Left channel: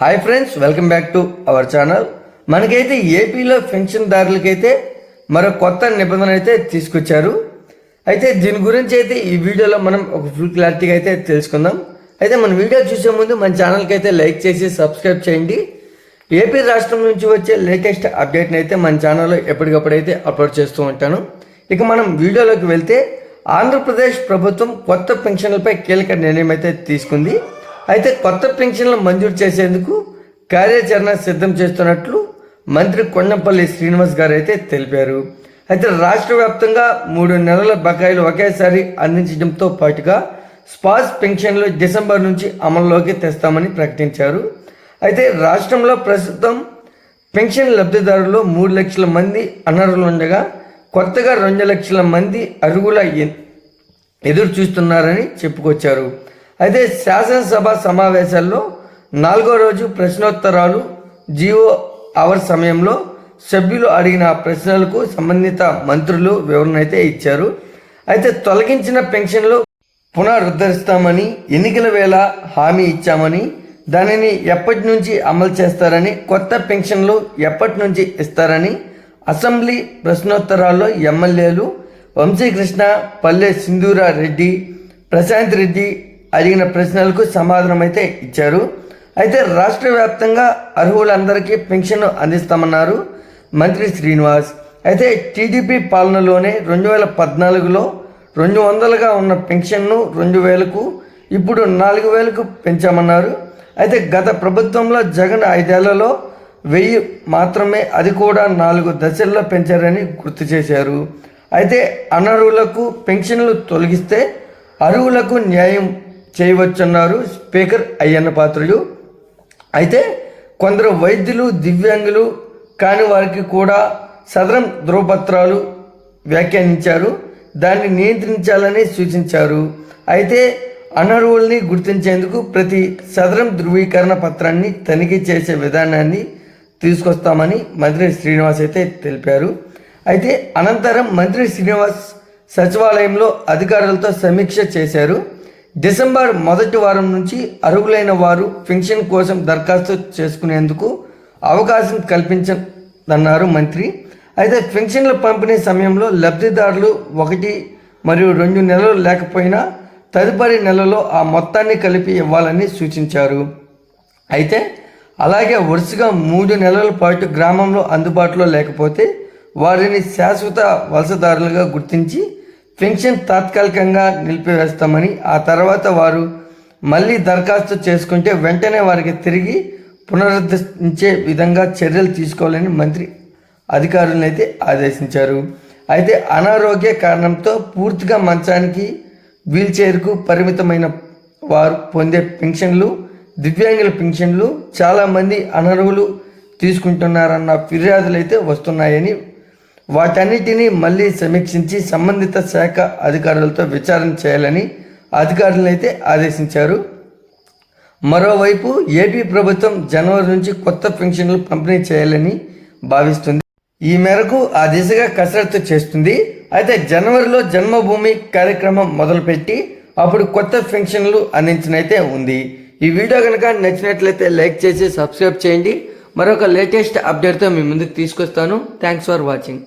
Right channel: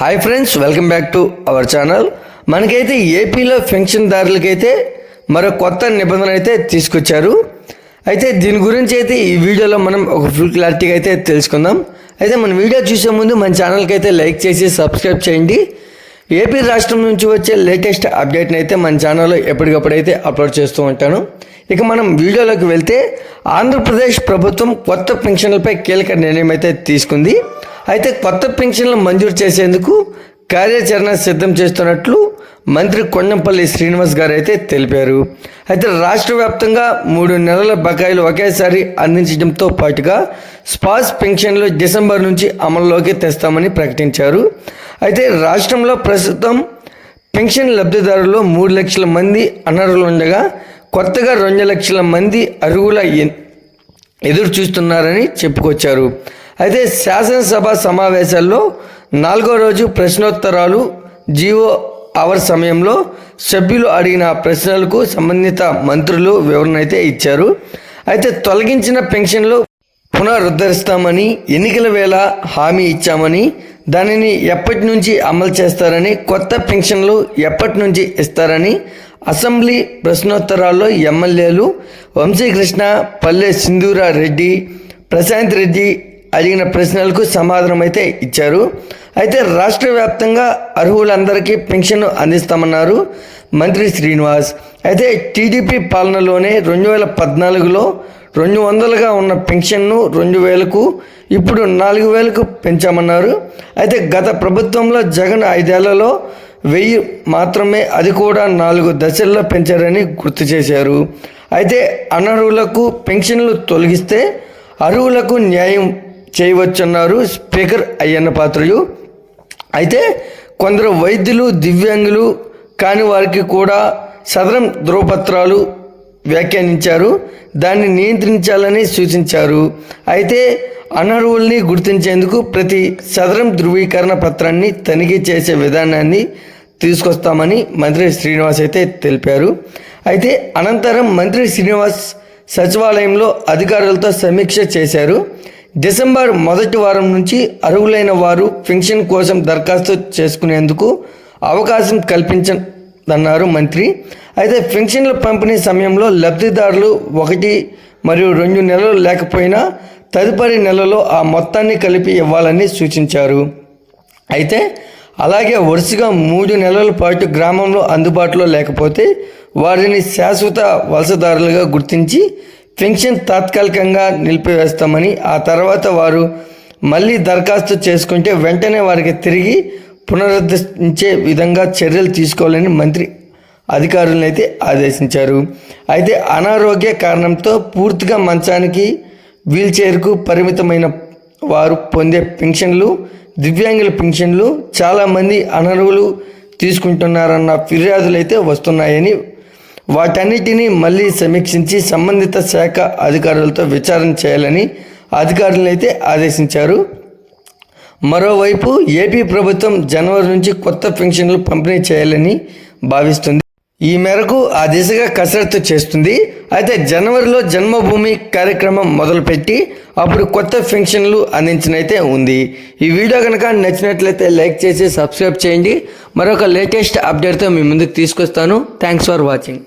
Hi friends, welcome back to our channel. మనకైతే ఏపీలో పెన్షన్దారులకైతే మరో కొత్త నిబంధన అయితే తీసుకొచ్చారు. అయితే దీని గురించి అయితే ఈ వీడియోలో మనం ఒక ఫుల్ క్లారిటీగా అయితే తెలుసుకుందాం. అయితే మన వీడియో చూసే ముందు మన ఛానల్కి అయితే లైక్ చేసి సబ్స్క్రైబ్ చేయండి. ఏపీ రాష్ట్రం నుంచి వచ్చే లేటెస్ట్ అప్డేట్ని అయితే మన ఛానల్లో ఎప్పటికప్పుడైతే అప్లోడ్ చేస్తూ ఉంటాను. ఇక మనం వీడియోలోకి వెళ్తే ఆంధ్రప్రదేశ్ ప్రభుత్వం కొత్త పెన్షన్లపై కీలక నిర్ణయం అయితే తీసుకుంది. అయితే కొత్త పెన్షన్లు మంజూరు చేసేందుకు కార్యాచరణ సిద్ధం చేస్తున్నట్లు మంత్రి కొండంపల్లి శ్రీనివాస్ గారు అయితే తెలిపారు. అయితే రాష్ట్ర వ్యాప్తంగా 3 నెలల బకాయిలు ఒకేసారి అందించడంతో పాటుగా స్పాస్ పెన్షన్లు డిసెంబర్ నుంచి అమల్లోకి తెస్తామని ప్రకటించారు. అయితే రాష్ట్రంలో ప్రస్తుతం పెన్షన్ లబ్ధిదారులు 3 లక్షల మంది అనర్హులు ఉండగా కొత్తగా 2 లక్షల మంది అర్హుల ఎదురు చూస్తున్నారని చెప్పుకొచ్చారు. అయితే శాసనసభ సమావేశాల్లో 4వ రోజు ప్రశ్నోత్తరాలు జీవో అవర్ సమయంలో సభ్యులు అడిగిన ప్రశ్నలకు సంబంధిత మంత్రులు వివరణ అయితే ఇచ్చారు. అయితే తొలగించిన పెన్షన్లు పునరుద్ధరిస్తామని, ఎన్నికల వేళ హామీ ఇచ్చామని, దానిని ఎప్పటి నుంచి అమలు చేస్తారని, కొత్త పెన్షన్లు ఎప్పటి నుంచి ఇస్తారని అసెంబ్లీ ప్రశ్నోత్తరాల్లో ఎమ్మెల్యేలు వంశీకృష్ణ, పల్లె సింధూరా రెడ్డి, ప్రశాంత్ రెడ్డి అడిగిన ప్రశ్నలకు సమాధానం అయితే ఇచ్చారు. అయితే రాష్ట్ర వ్యాప్తంగా అర్హులందరికీ పెన్షన్ అందిస్తామన్నారు మంత్రి శ్రీనివాస్. అయితే టీడీపీ పాలనలోనే 2014లో 200గా ఉన్న పెన్షన్ను 2000కు, ఇప్పుడు 4000కు పెంచామన్నారు. అయితే గత ప్రభుత్వంలో జగన్ 5 ఏళ్లలో 1000 మాత్రమే, అది కూడా 4 దశల్లో పెంచారని గుర్తు చేశారు. అయితే అనర్హులకు పెన్షన్లు తొలగిస్తే అర్హులకు న్యాయం చేయవచ్చన్నారు స్పీకర్ అయ్యన్న పాత్రుడు. అయితే కొందరు వైద్యులు, దివ్యాంగులు కాని వారికి కూడా సదరం ధృవపత్రాలు వ్యాఖ్యానించారు. దాన్ని నియంత్రించాలని సూచించారు. అయితే అనర్హుల్ని గుర్తించేందుకు ప్రతి సదరం ధృవీకరణ పత్రాన్ని తనిఖీ చేసే విధానాన్ని తీసుకొస్తామని మంత్రి శ్రీనివాస్ అయితే తెలిపారు. అయితే అనంతరం మంత్రి శ్రీనివాస్ సచివాలయంలో అధికారులతో సమీక్ష చేశారు. డిసెంబర్ మొదటి వారం నుంచి అర్హులైన వారు పెన్షన్ కోసం దరఖాస్తు చేసుకునేందుకు అవకాశం కల్పించనున్నారు మంత్రి. అయితే పెన్షన్ల పంపిణీ సమయంలో లబ్ధిదారులు 1 మరియు 2 నెలలు లేకపోయినా తదుపరి నెలలో ఆ మొత్తాన్ని కలిపి ఇవ్వాలని సూచించారు. అయితే అలాగే వరుసగా 3 నెలల పాటు గ్రామంలో అందుబాటులో లేకపోతే వారిని శాశ్వత వలసదారులుగా గుర్తించి పెన్షన్ తాత్కాలికంగా నిలిపివేస్తామని, ఆ తర్వాత వారు మళ్ళీ దరఖాస్తు చేసుకుంటే వెంటనే వారికి తిరిగి పునరుద్ధరించే విధంగా చర్యలు తీసుకోవాలని మంత్రి అధికారులను అయితే ఆదేశించారు. అయితే అనారోగ్య కారణంతో పూర్తిగా మంచానికి, వీల్చైర్కు పరిమితమైన వారు పొందే పెన్షన్లు, దివ్యాంగుల పెన్షన్లు చాలామంది అనర్హులు తీసుకుంటున్నారన్న ఫిర్యాదులు అయితే వస్తున్నాయని, వాటన్నిటినీ మళ్ళీ సమీక్షించి సంబంధిత శాఖ అధికారులతో విచారణ చేయాలని అధికారులను అయితే ఆదేశించారు. మరోవైపు ఏపీ ప్రభుత్వం జనవరి నుంచి కొత్త పెన్షన్లు పంపిణీ చేయాలని భావిస్తుంది. ఈ మేరకు ఆ దిశగా కసరత్తు చేస్తుంది. అయితే జనవరిలో జన్మభూమి కార్యక్రమం మొదలుపెట్టి అప్పుడు కొత్త పెన్షన్లు అందించినైతే ఉంది. ఈ వీడియో కనుక నచ్చినట్లయితే లైక్ చేసి సబ్స్క్రైబ్ చేయండి. మరొక లేటెస్ట్ అప్డేట్తో మీ ముందుకు తీసుకొస్తాను. Thanks for watching.